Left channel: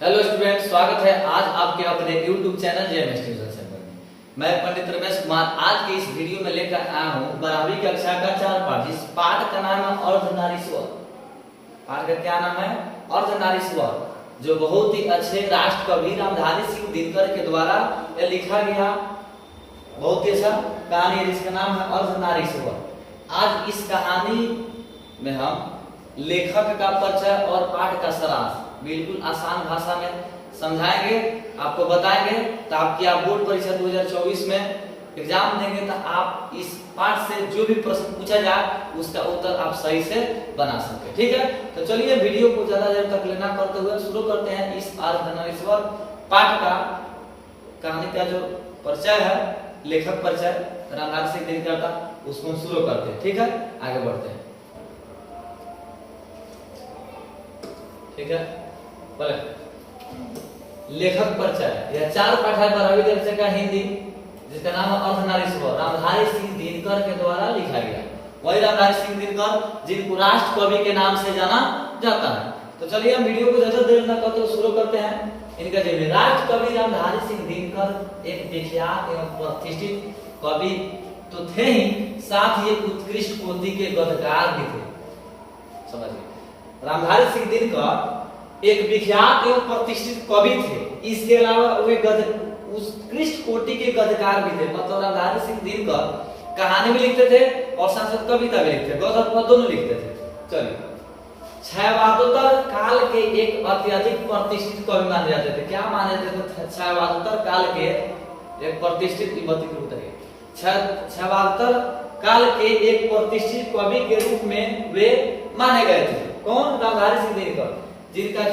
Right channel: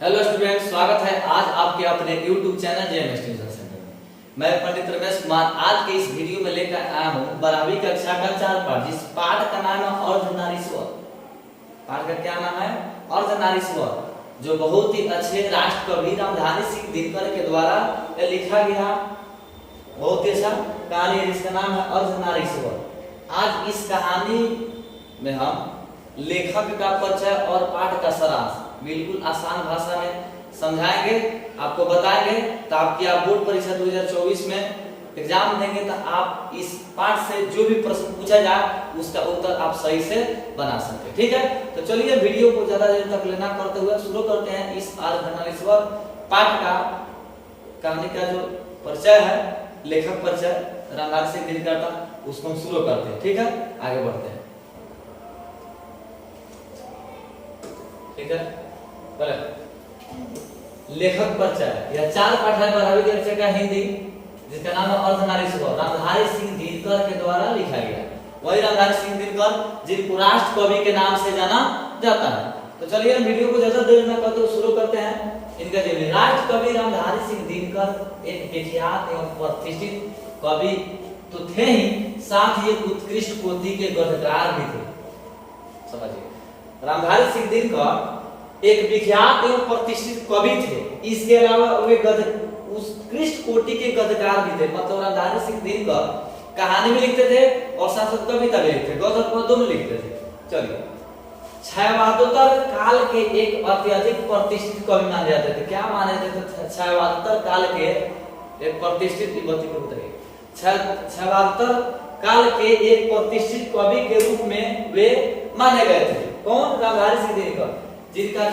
Hello student, स्वागत है आज आपके अपने YouTube channel JMS tuition centre में। मैं पंडित रमेश कुमार आज के इस वीडियो में लेकर आया हूँ 12वीं कक्षा का 4 पाठ, जिस पाठ का नाम है अर्धनारीश्वर। पाठ का क्या नाम है? अर्धनारीश्वर, जो बहुत ही अच्छे राष्ट्र कवि रामधारी सिंह दिनकर के द्वारा लिखा गया बहुत ही अच्छा कहानी है, जिसका नाम है अर्धनारीश्वर। आज इस कहानी में हम लेखक का परिचय और पाठ का सारांश बिल्कुल आसान भाषा में समझाएंगे, आपको बताएंगे, ताकि आप बोर्ड परीक्षा 2024 में एग्जाम देंगे तो आप इस पाठ से जो भी प्रश्न पूछा जाए उसका उत्तर आप सही से बना सके। ठीक है, तो चलिए वीडियो को ज्यादा देर तक लेना करते हुए शुरू करते हैं। इस अर्धनारीश्वर पाठ का कहानी का जो परिचय है, लेखक परिचय रामधारी सिंह दिनकर का, उसको हम शुरू करते हैं। ठीक है, आगे बढ़ते हैं। ठीक है, लेखक परिचय यह 4 पाठ है 12वीं कक्षा का हिंदी, जिसका नाम है अर्धनारीश्वर। रामधारी सिंह दिनकर के द्वारा लिखा गया, वही रामधारी सिंह दिनकर जिनको राष्ट्र कवि के नाम से जाना जाता है। तो चलिए हम वीडियो को ज्यादा देर न करते शुरू करते हैं। इनका जीवन। राष्ट्र कवि रामधारी सिंह दिनकर एक विख्यात एवं प्रतिष्ठित कवि तो थे ही, साथ ही एक उत्कृष्ट कोटि के गद्यकार भी थे। समझिए, रामधारी सिंह दिनकर एक विख्यात एवं प्रतिष्ठित कवि थे, इसके अलावा वे उत्कृष्ट कोटि के गद्यकार भी थे। मतलब रामधारी सिंह दिनकर कहानी भी लिखते थे और साथ साथ कविता भी लिखते थे, गद्य और पद्य दोनों लिखते थे। चलिए, छायावादोत्तर काल के एक अत्यधिक प्रतिष्ठित कवि माने जाते थे। क्या माने जाते थे? छायावादोत्तर काल के एक प्रतिष्ठित छायावादोत्तर काल के एक प्रतिष्ठित कवि के रूप में वे माने गए थे। कौन? रामधारी सिंह दिनकर, जिनका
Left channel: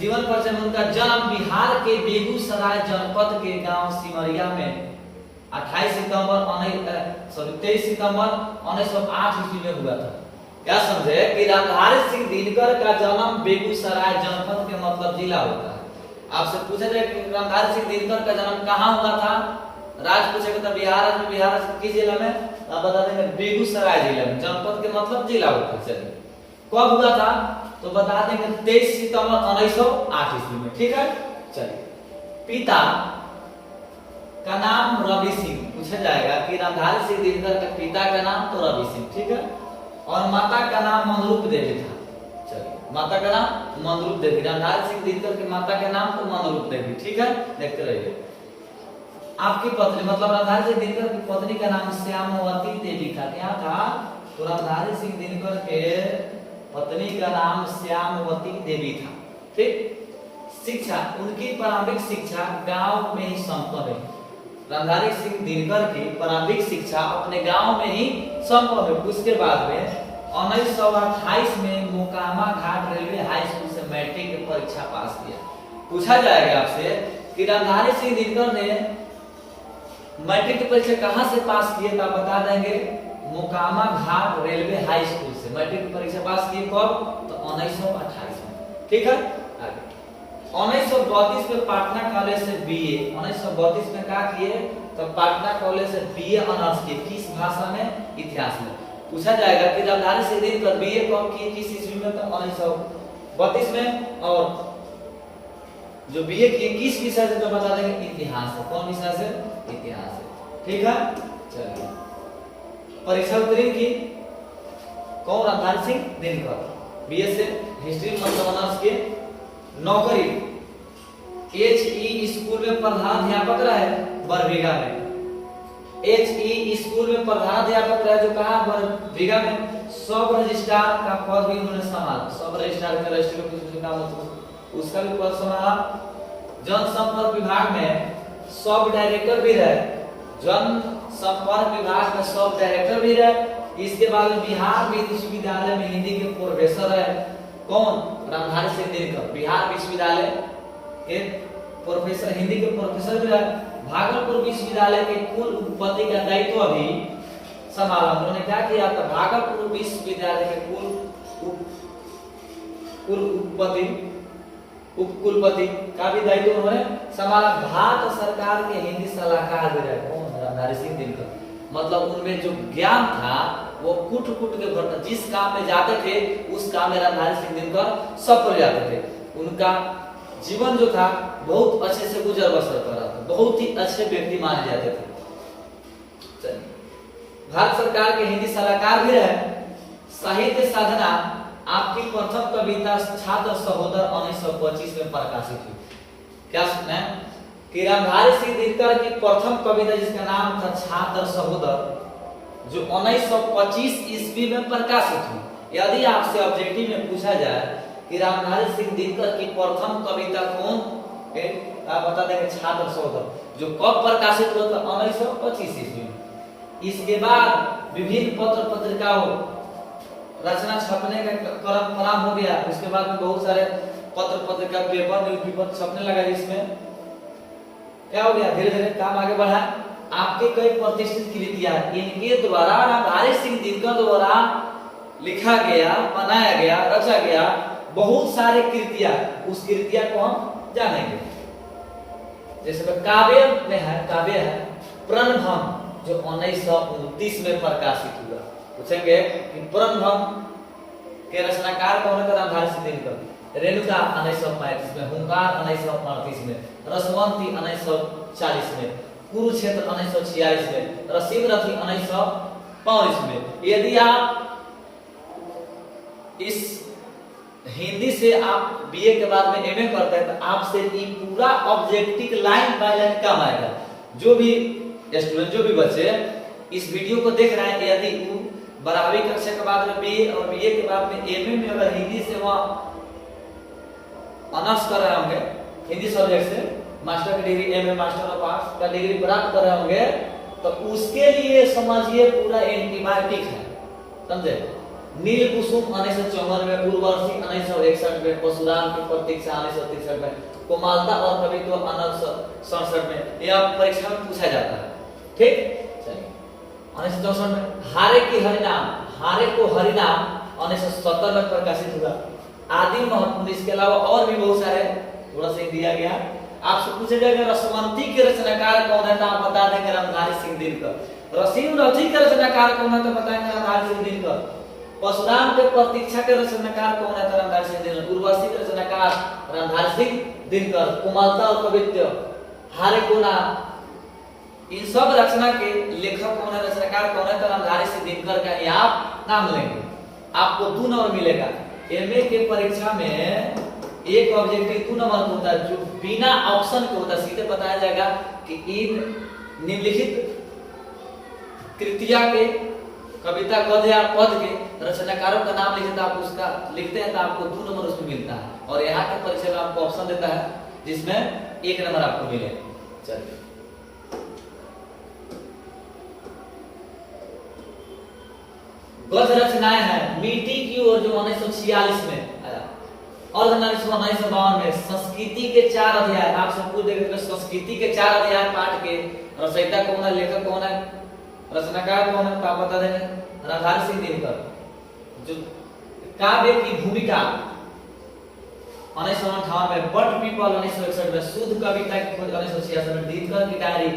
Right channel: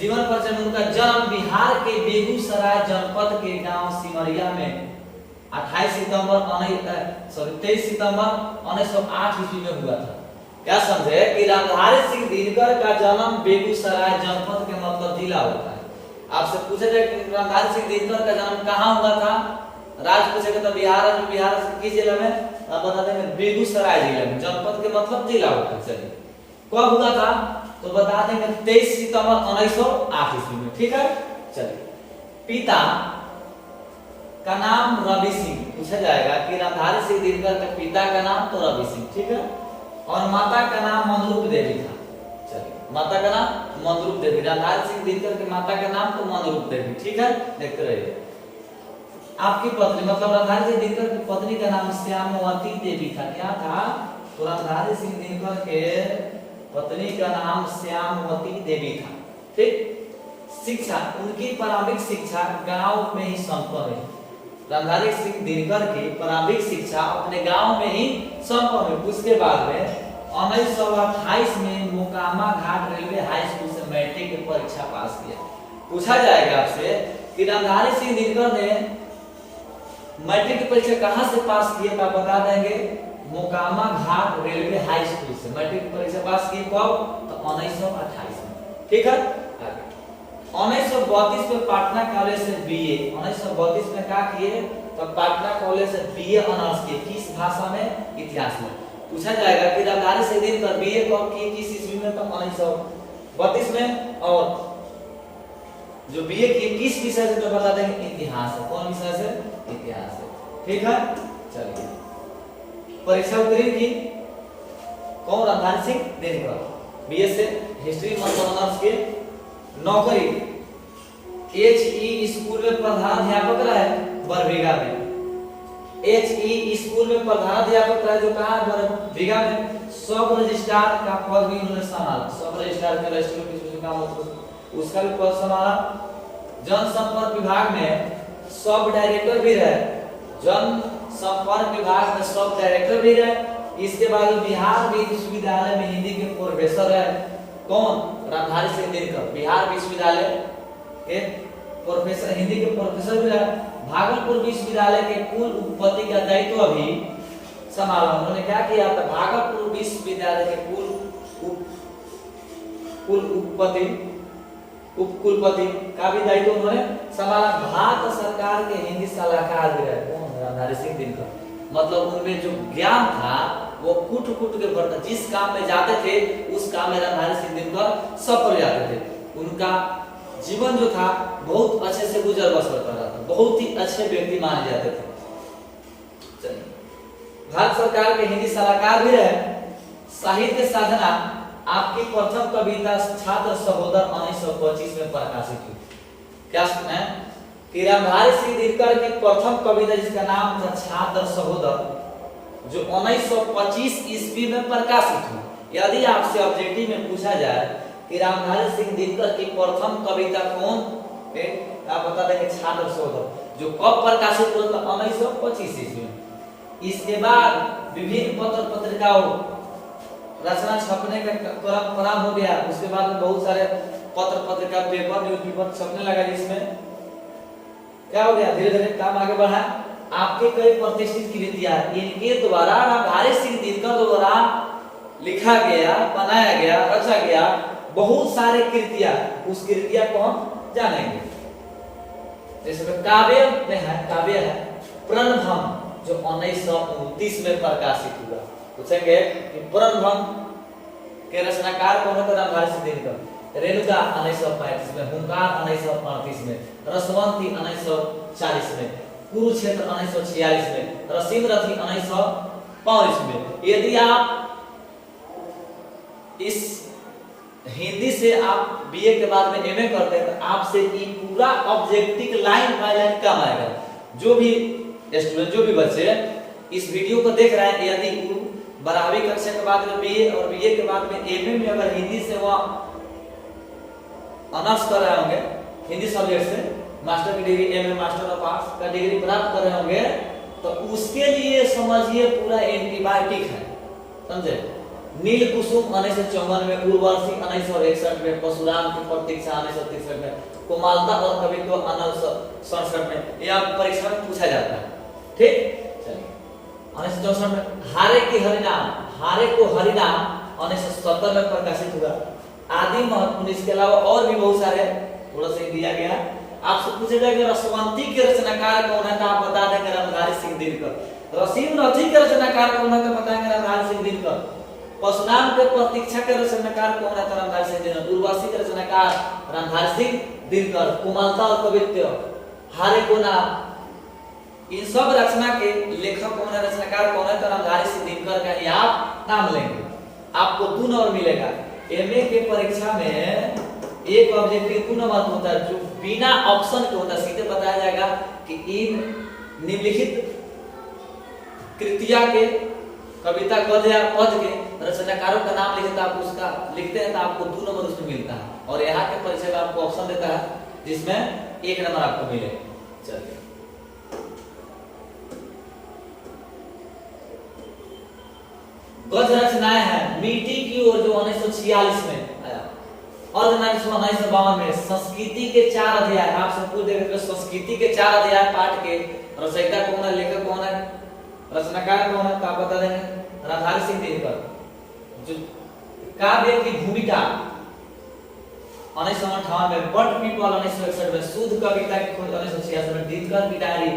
जीवन परिचय में उनका जन्म बिहार के बेगूसराय जनपद के गांव सिमरिया में 23 सितंबर 1908 ईस्वी में हुआ था। क्या समझे कि रामधारी सिंह दिनकर का जन्म बेगूसराय जनपद के मतलब जिला होता है। आपसे पूछे थे कि रामधारी सिंह दिनकर का जन्म कहाँ हुआ था, राज्य पूछेगा तो बिहार राज्य, बिहार किस जिले में? आप बता देंगे बेगूसराय जिले में। जनपद के मतलब जिला होता है। चलिए, कब हुआ था तो बता देंगे 23 सितंबर 1908 ईस्वी में। ठीक है, चलिए, पिता का नाम रवि सिंह पूछा जाएगा कि रामधारी सिंह दिनकर के पिता का नाम तो रवि सिंह, ठीक है, और माता का नाम मनरूप देवी था। चलिए, माता का नाम मनरूप देवी। रामधारी सिंह दिनकर के माता का नाम तो मनरूप देवी। ठीक है, देखते रहिए। आपकी पत्नी मतलब रामधारी सिंह दिनकर की पत्नी का नाम श्यामवती देवी था। क्या था? तो रामधारी सिंह दिनकर के पत्नी का नाम श्यामवती देवी था। ठीक। शिक्षा, उनकी प्रारंभिक शिक्षा गांव में ही संपन्न हुई। रामधारी सिंह दिनकर की प्रारंभिक शिक्षा अपने गांव में ही संपन्न हुई। उसके बाद में 1928 में मोकामा घाट रेलवे हाई स्कूल से मैट्रिक की परीक्षा पास किया। पूछा जाएगा आपसे कि रामधारी सिंह दिनकर ने मैट्रिक की परीक्षा कहां से पास किए? तो बता देंगे मोकामा घाट रेलवे हाई स्कूल से मैट्रिक की परीक्षा पास की। कब? तो 1928 में। ठीक है, 1932 में पटना कॉलेज से बीए, 1932 में क्या किए? तो पटना कॉलेज से बीए ऑनर्स किए। किस भाषा में? इतिहास में। पूछा जाएगा कि रामधारी सिंह दिनकर बीए कब किए, किस ईस्वी में? तो 1932 में। और जो बीए किए किस विषय से? तो बता देंगे इतिहास से। कौन विषय से? इतिहास से। ठीक है, चलिए, परीक्षा उत्तीर्ण की कौन? रामधारी सिंह दिनकर। बीए से हिस्ट्री मतलब ऑनर्स के। नौकरी HE स्कूल में प्रधानाध्यापक रहे बरबीघा में। HE स्कूल में प्रधानाध्यापक रहे, जो कहां? बरबीघा में। सब रजिस्ट्रार का पद भी उन्होंने संभाला। सब रजिस्ट्रार के रजिस्टर का मतलब उसका भी पद संभाला। जनसंपर्क विभाग में सब डायरेक्टर भी रहे। जनसंपर्क विभाग में सब डायरेक्टर भी रहे। इसके बाद बिहार विश्वविद्यालय में हिंदी के प्रोफेसर रहे। कौन? रामधारी सिंह दिनकर बिहार विश्वविद्यालय के प्रोफेसर, हिंदी के प्रोफेसर भी रहे। भागलपुर विश्वविद्यालय के कुल उपपति का दायित्व भी संभाला। उन्होंने क्या किया था? भागलपुर विश्वविद्यालय के उपकुलपति का भी दायित्व उन्होंने संभाला। भारत सरकार के हिंदी सलाहकार भी रहे। कौन? रामधारी सिंह दिनकर। मतलब उनमें जो ज्ञान था वो कूट कूट के भरता, जिस काम में जाते थे उस काम में रणधारी सिंह दिनकर सफल हो जाते थे। उनका जीवन जो था बहुत अच्छे से गुजर बसर कर रहा था, बहुत ही अच्छे व्यक्ति माने जाते थे। भारत सरकार के हिंदी सलाहकार भी रहे। साहित्य साधना आपकी प्रथम कविता छात्र सहोदर 1925 में प्रकाशित हुई। क्या सुना कि रणधारी सिंह दिनकर की प्रथम कविता जिसका नाम था छात्र सहोदर, जो 1925 ईस्वी में प्रकाशित हुई। यदि आपसे ऑब्जेक्टिव में पूछा जाए कि रणधारी सिंह दिनकर की प्रथम कविता कौन है, आप बता देंगे छात्र सहोदर, जो कब प्रकाशित हुआ था 1925 ईस्वी में। इसके बाद विभिन्न पत्र पत्रिकाओं रचना छपने का क्रम प्रारंभ हो गया। उसके बाद में बहुत सारे पत्र पत्रिका पेपर न्यूज़पेपर छपने लगा, जिसमें क्या हो गया, धीरे धीरे काम आगे बढ़ा। आपके कई प्रतिष्ठित कृतियां इनके द्वारा रणधारी सिंह दिनकर द्वारा लिखा गया, बनाया गया, रचा गया बहुत सारे कृतियां। उस कृतियां को हम जानेंगे। जैसे काव्य में है, काव्य है प्रणभम, जो 1929 में प्रकाशित हुआ। पूछेंगे कि प्रणभम के रचनाकार कौन है, तो रणधारी सिंह दिनकर। रेणुका 1935 में, हुंकार 1938 में, रसवंती 1940 में, कुरुक्षेत्र 1946 में, रसीम रथी 1945 में। यदि आप इस हिंदी से आप बीए के बाद में एमए करते हैं तो आपसे ये पूरा ऑब्जेक्टिव लाइन बाय लाइन काम आएगा। जो भी स्टूडेंट, जो भी बच्चे इस वीडियो को देख रहे हैं, यदि 12वीं कक्षा के बाद में बीए और बीए के बाद में एमए में अगर हिंदी से वह ऑनर्स कर रहे होंगे, हिंदी सब्जेक्ट से मास्टर की degree, MA master of arts का डिग्री प्राप्त कर रहे होंगे, तो उसके लिए समझिए पूरा एंटीबायोटिक है, समझे। नील कुसुम 1954 में, उर्वशी 1961 में, परशुराम की प्रतीक्षा 1963 में, कोमलता और कवित्व 1967 में। यह परीक्षा में पूछा जाता है, ठीक। चलिए 1964 में हारे की हरिनाम, हारे को हरिनाम 1970 में प्रकाशित हुआ। आदि महत्वपूर्ण, इसके अलावा और भी बहुत सारे थोड़ा सा दिया गया। आपसे पूछा जाएगा रसवंती के रचनाकार कौन है, तो आप बता देंगे रणधारी सिंह दिनकर। रसीम रथी के रचनाकार कौन है, तो बताएंगे रणधारी सिंह दिनकर। परशुराम के प्रतीक्षा के रचनाकार कौन है, तो रणधारी सिंह दिनकर। उर्वशी के रचनाकार रणधारी सिंह दिनकर। कोमलता और कवित्व हारे को नाम, इन सब रचना के लेखक कौन है, रचनाकार कौन है, तो रणधारी सिंह दिनकर का ही आप नाम लेंगे। आपको 2 नंबर मिलेगा। एमए के परीक्षा में एक ऑब्जेक्टिव 2 नंबर होता है, जो बिना ऑप्शन के होता है। सीधे बताया जाएगा कि इन निम्नलिखित कृतियां के, कविता गद्य या पद के रचनाकारों का नाम लिखते आप उसका लिखते हैं तो आपको 2 नंबर उसमें मिलता है। और यहाँ के परीक्षा में आपको ऑप्शन देता है जिसमें 1 नंबर आपको मिले। चलिए गद्य रचनाएं हैं मिट्टी की ओर, जो 1946 में आया, और 1952 में संस्कृति के 4 अध्याय। आपसे पूछ देंगे तो संस्कृति के 4 अध्याय पाठ के रचयिता कौन है, लेखक कौन है, रचनाकार कौन है, तो आप बता देंगे रणधारी सिंह दिनकर। जो काव्य की भूमिका 1958 में, बर्ड पीपल 1961 में, शुद्ध कविता की खोज 1966 में, दिनकर की डायरी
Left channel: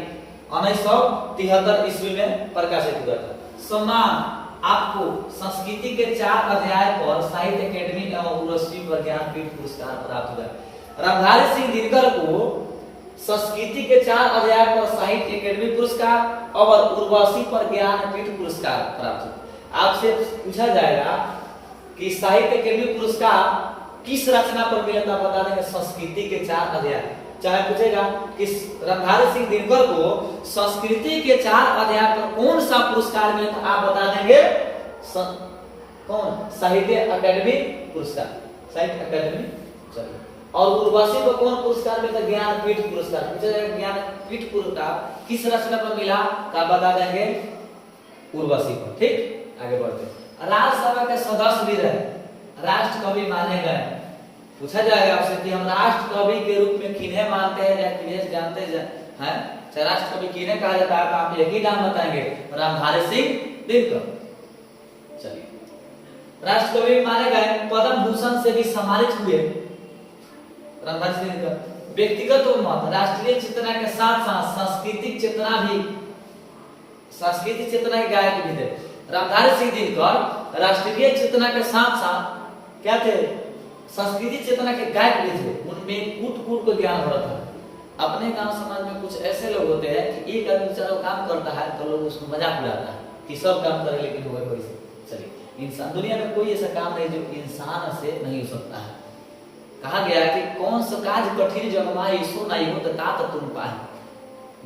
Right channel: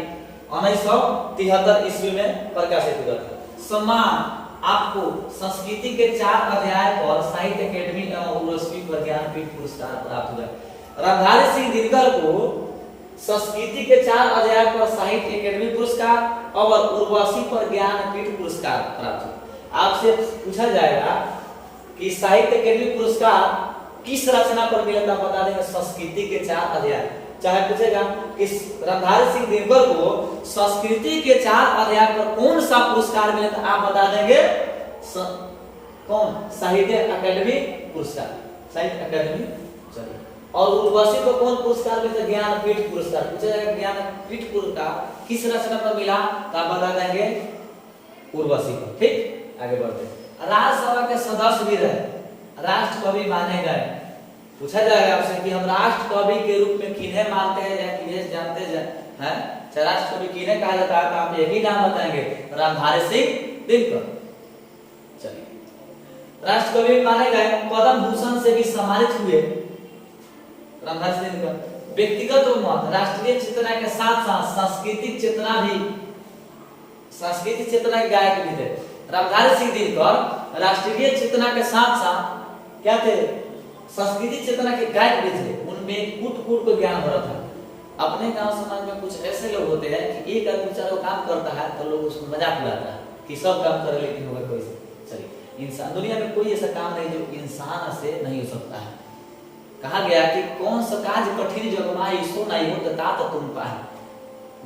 1973 ईस्वी में प्रकाशित हुआ था। सम्मान आपको संस्कृति के 4 अध्याय पर साहित्य अकेडमी एवं उर्वशी पर ज्ञानपीठ पुरस्कार प्राप्त हुआ। रणधारी सिंह दिनकर को संस्कृति के 4 अध्याय पर साहित्य अकेडमी पुरस्कार और उर्वशी पर ज्ञानपीठ पुरस्कार प्राप्त हुआ। आपसे पूछा जाएगा कि साहित्य अकेडमी पुरस्कार किस रचना पर मिला था, बता देंगे संस्कृति के 4 अध्याय। चाहे पूछेगा कि रणधारी सिंह दिनकर को संस्कृति के 4 अध्याय पर कौन सा पुरस्कार मिला था, आप बता देंगे कौन, साहित्य अकेडमी पुरस्कार, साहित्य अकेडमी। चलिए, और उर्वशी को कौन पुरस्कार मिला, ज्ञानपीठ पुरस्कार। पूछा जाएगा ज्ञानपीठ पुरस्कार किस रचना पर मिला, तो आप बता देंगे उर्वशी पर, ठीक। आगे बढ़ते। राज्यसभा के सदस्य भी रहे, राष्ट्र कवि माने गए। पूछा जाएगा आपसे कि हम राष्ट्र कवि के रूप में किन्हें मानते हैं या किन्हें जानते हैं, चाहे राष्ट्र कवि किन्हें कहा जाता है, तो आप एक ही नाम बताएंगे, रणधारी सिंह दिनकर। चलिए, राष्ट्र कवि माने गए, पद्म भूषण से भी सम्मानित हुए रणधारी सिंह दिनकर। व्यक्तिगत उन्माद, राष्ट्रीय चेतना के साथ साथ सांस्कृतिक चेतना भी, सांस्कृतिक चेतना के गायक भी थे। रामधारी सिंह दिनकर राष्ट्रीय चेतना के साथ साथ क्या थे, संस्कृति चेतना के गायक भी थे। उनमें कूट कूट को ज्ञान हो रहा था। अपने गांव समाज में कुछ ऐसे लोग होते हैं कि एक आदमी बेचारा काम करता है तो लोग उसको मजाक उड़ाता है कि सब काम करे लेकिन होगा कोई से। चलिए, इंसान दुनिया में कोई ऐसा काम नहीं जो इंसान से नहीं हो सकता है। कहा गया कि कौन सा काज कठिन जगमाई सो नहीं हो तात तुम पाए।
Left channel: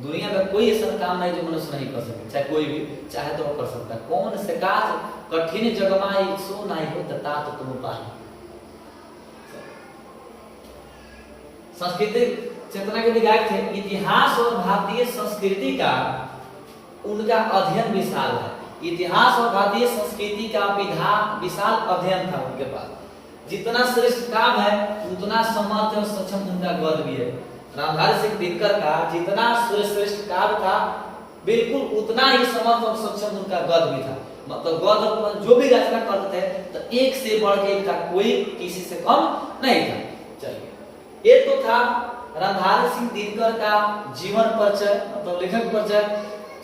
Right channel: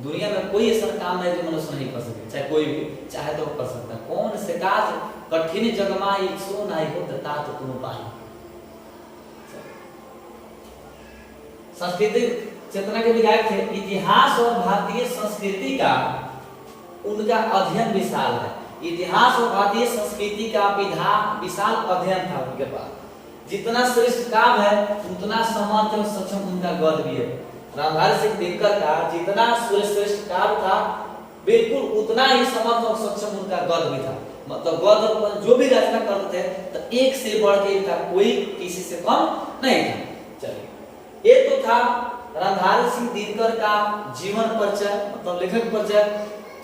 दुनिया में कोई ऐसा काम नहीं जो मनुष्य नहीं कर सके, चाहे कोई भी चाहे तो कर सकता है। कौन से काज कठिन जगमाई सो नहीं हो तात तुम पाए। संस्कृति चेतना के विधायक थे। इतिहास और भारतीय संस्कृति का उनका अध्ययन विशाल है। इतिहास और भारतीय संस्कृति का विशाल अध्ययन था उनके पास। जितना श्रेष्ठ काम है उतना समर्थ और सक्षम उनका गद भी है। रामधारी सिंह दिनकर का जितना श्रेष्ठ काम था बिल्कुल उतना ही समर्थ और सक्षम उनका गद भी था। मतलब गद जो भी रचना करते थे तो एक से बढ़ के इनका कोई किसी से कम नहीं था। चलिए, ये तो था रामधारी सिंह दिनकर का जीवन परिचय, मतलब लेखक परिचय।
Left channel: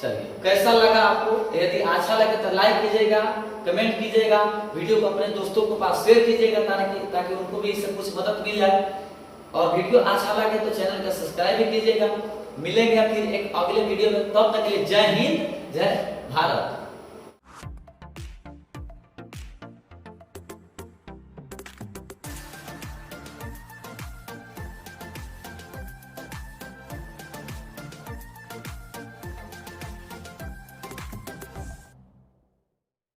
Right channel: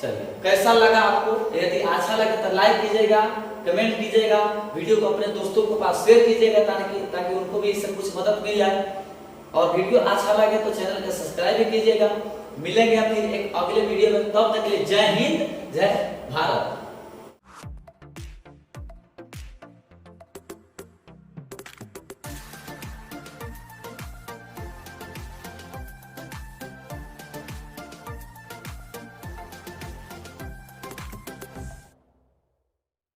चलिए, कैसा लगा आपको? यदि अच्छा लगे तो लाइक कीजिएगा, कमेंट कीजिएगा, वीडियो को अपने दोस्तों के पास शेयर कीजिएगा ताकि उनको भी इससे कुछ मदद मिल जाए। और वीडियो अच्छा लगे तो चैनल को सब्सक्राइब भी कीजिएगा। मिलेंगे फिर एक अगले वीडियो में, तब तक के लिए जय हिंद, जय भारत।